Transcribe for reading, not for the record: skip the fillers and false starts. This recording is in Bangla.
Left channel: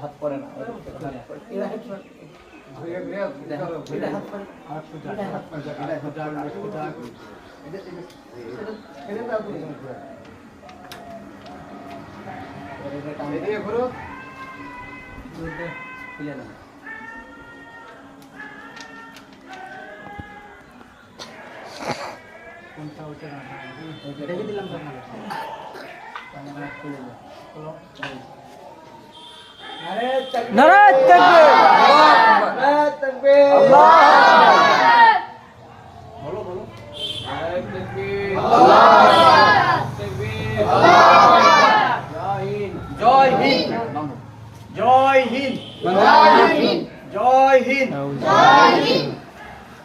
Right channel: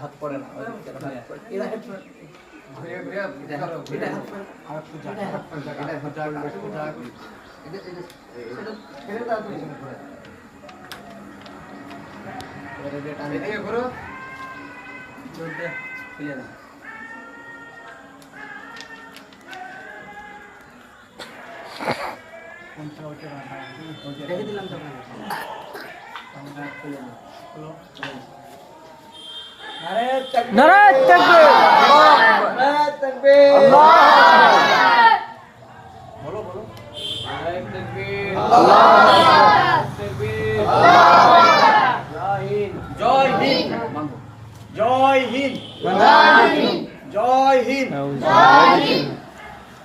হাত পরে না রেখে দিলাম তো নারায়ে তাকবীর, আল্লাহু আকবার, আল্লাহু আকবার।